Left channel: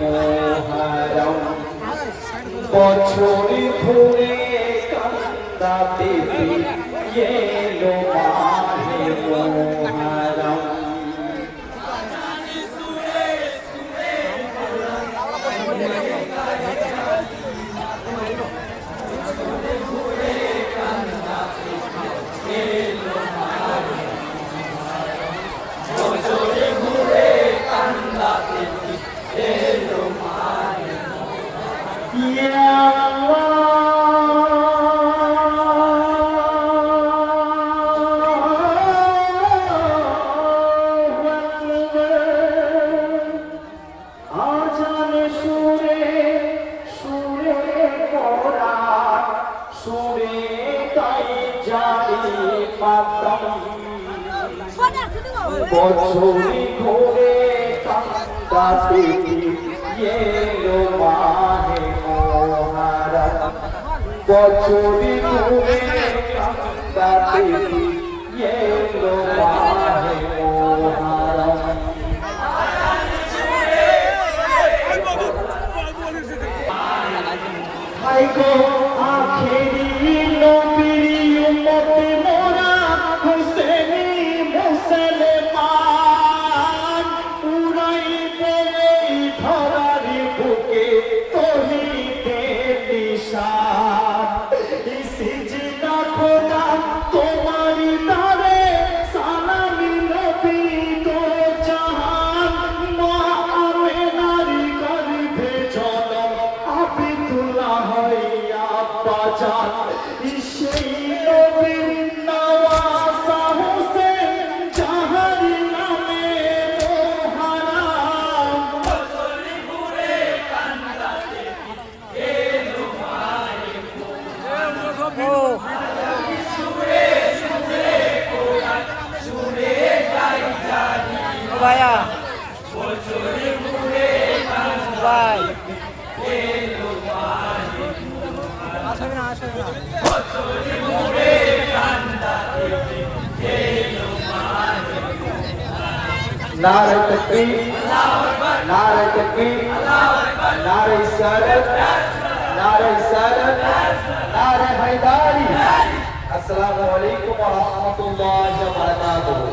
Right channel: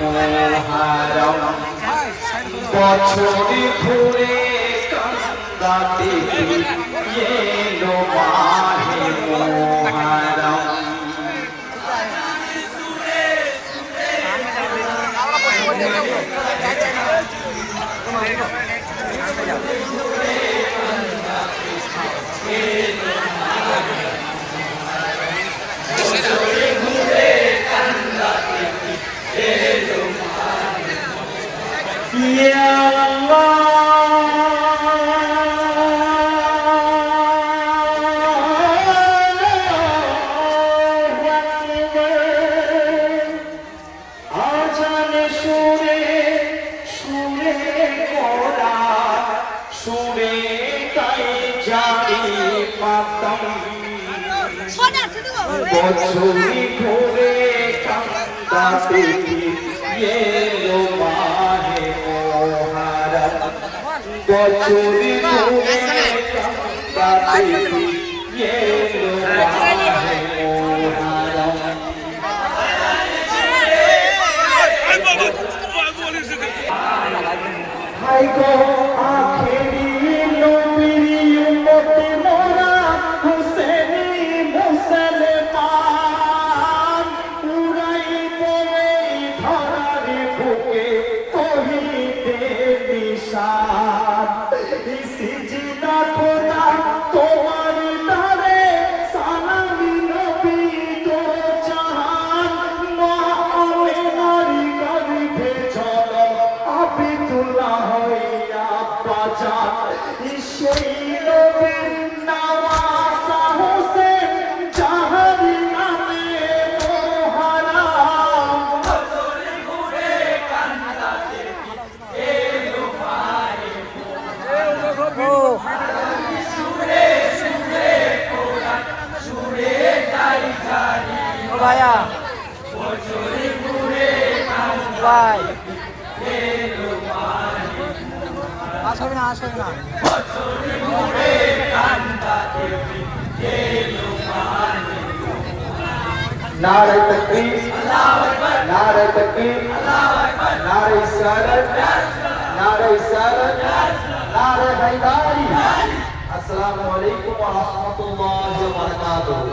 মোহারম বছরে ঘুরে কান্দাতে এলো মাহে মোহারম বছরে ঘুরে কান্দাতে এলো মাহে মোহারম বছরে ঘুরে কান্দাতে এলো মাহে মোহারম হাই গো আখেরি নবীর উম্মত মোরা হুসেনি মুসলমান উড়াইতে ধরার বুকে তৌহিদের নিশান সিজদা খোদা তোমার দারে সালামি নবী দো জাহান মুআমিনার গর্ভে চলো আবিদুল্লাহ হইয়া বাজান সেই নবীর নওয়াজা হোসেন জাহার নামে মোহারম বছরে ঘুরে কান্দাতে এলো মাহে মোহারম সুরে সুরে কোরআন সুরে গাই জানি ও ভাইয়া বছরে ঘুরে কান্দাতে এলো মাহে আসবে না বছরে ঘুরে কান্দাতে এলো মাহে নারে তাকবীর আল্লাহু আকবার নারে তাকবীর আল্লাহু আকবার নারে ইসারত নারে হায়দারি আসসালামু আলাইকুম ওয়া রাহমাতুল্লাহি ওয়া বারাকাতুহু